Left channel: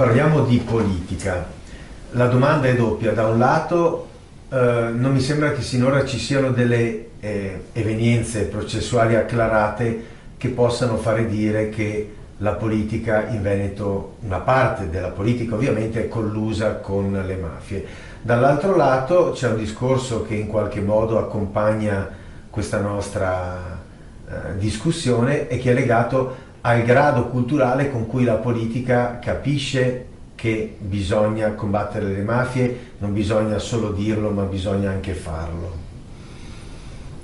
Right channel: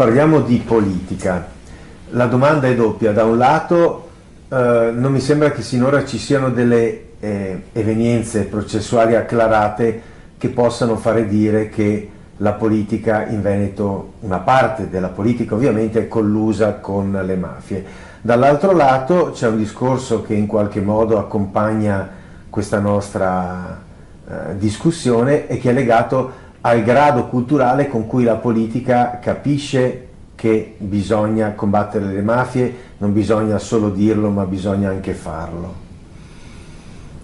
parliamo di politica. La domanda è doppia. Da un lato non mi sembra che sinora ci siano delle evenienze processuali acclarate che possano fare dire che la politica in Veneto, una parte della politica ovviamente, è collusa con le mafie. Dall'altro lato c'è un discorso che in qualche modo accompagna questa nostra discussione e che è legato al grado culturale con cui la politica capisce che bisogna combattere le mafie, non bisogna solo dirlo ma bisogna anche farlo.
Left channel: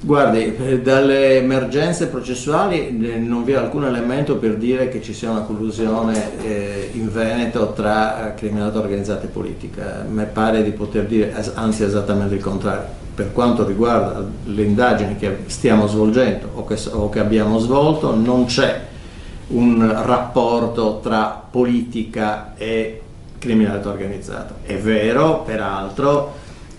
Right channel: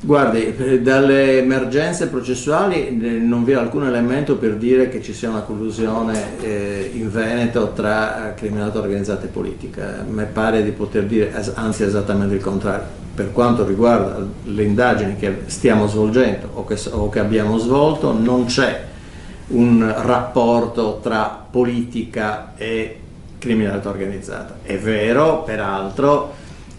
Guardi, dalle emergenze processuali non vi è alcun elemento per dire che ci sia una collusione in Veneto tra criminalità organizzata e politica. Mi pare di poter dire, anzi esattamente il contrario. Per quanto riguarda le indagini che stiamo svolgendo o che abbiamo svolto, non c'è un rapporto tra politica e criminalità organizzata. È vero, peraltro,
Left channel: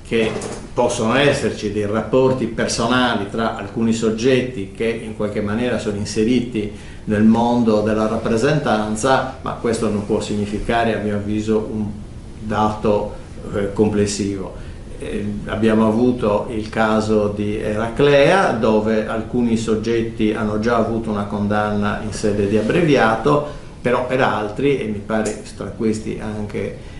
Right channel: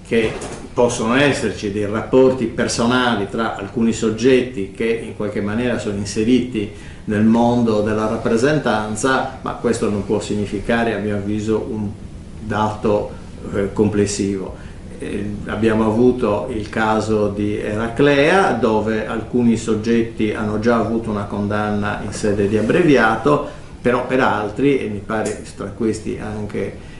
che possono esserci dei rapporti personali tra alcuni soggetti che in qualche maniera sono inseriti nel mondo della rappresentanza, ma questo non può significare, a mio avviso, un dato complessivo. Abbiamo avuto il caso di Eraclea, dove alcuni soggetti hanno già avuto una condanna in sede di abbreviato, però per altri, e mi pare tra questi anche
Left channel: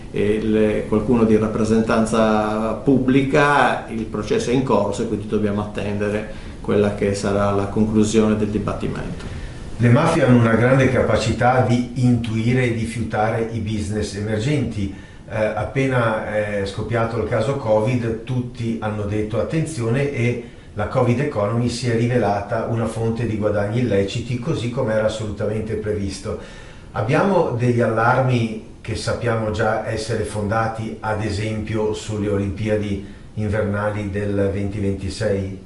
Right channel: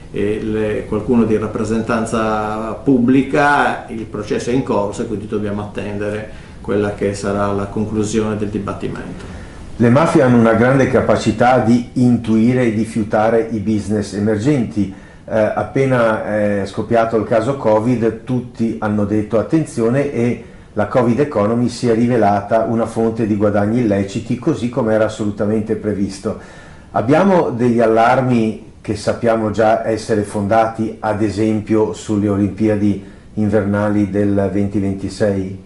qualcuno di rappresentanza pubblica, il processo è in corso e quindi dobbiamo attendere quella che sarà la conclusione del dibattimento. Le mafie hanno una grande capacità di intuire e di fiutare i business emergenti. Appena è scoppiato il caso Covid, tutti hanno detto attenzione, e la Covid Economy si è rivelata una fonte di guadagni illeciti, così come era assolutamente previsto. Abbiamo degli allarmi che sappiamo già essere fondati, ad esempio sulle Olimpiadi invernali del 2026?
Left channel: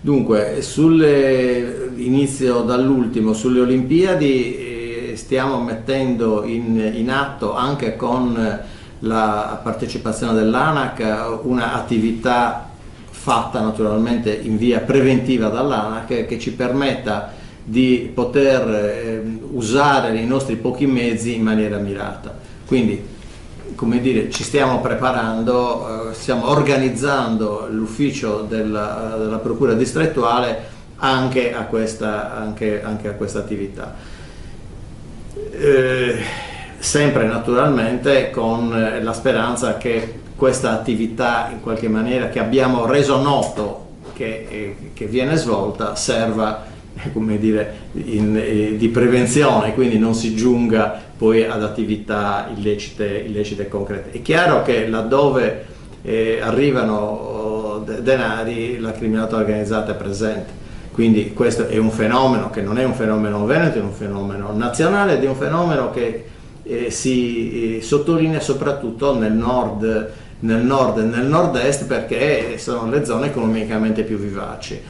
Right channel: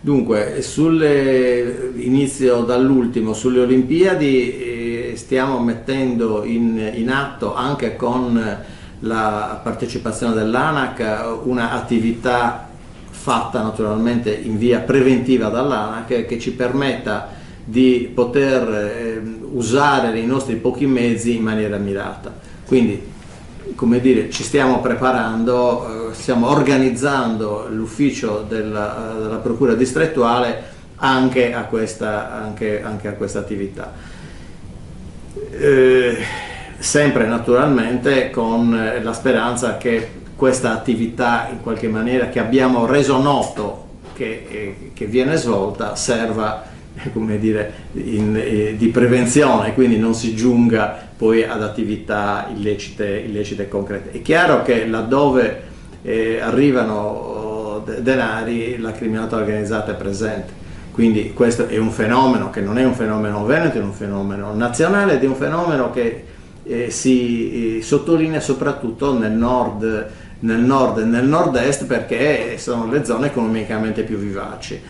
Dunque, inizio dall'ultimo, sulle Olimpiadi stiamo mettendo in atto, anche con la partecipazione dell'ANAC, un'attività fatta naturalmente in via preventiva dall'ANAC che ci permetta di poter usare i nostri pochi mezzi in maniera mirata. Quindi, come dire, ci stiamo preparando, stiamo organizzando l'ufficio della Procura distrettuale anche a questa attività. Sempre naturalmente con la speranza che questa attività, in qualche maniera, che abbiamo reso noto che viene svolta, serva, come dire, di prevenzione, quindi non si giunga poi ad attività illecite concrete. È chiaro che laddove arrivano denari, la criminalità organizzata è presente, quindi questo è un fenomeno che non è un fenomeno veneto, è un fenomeno nazionale ed è un fenomeno che si sottolinea soprattutto nel nord e nel nord-est, perché sono le zone economicamente più vivaci.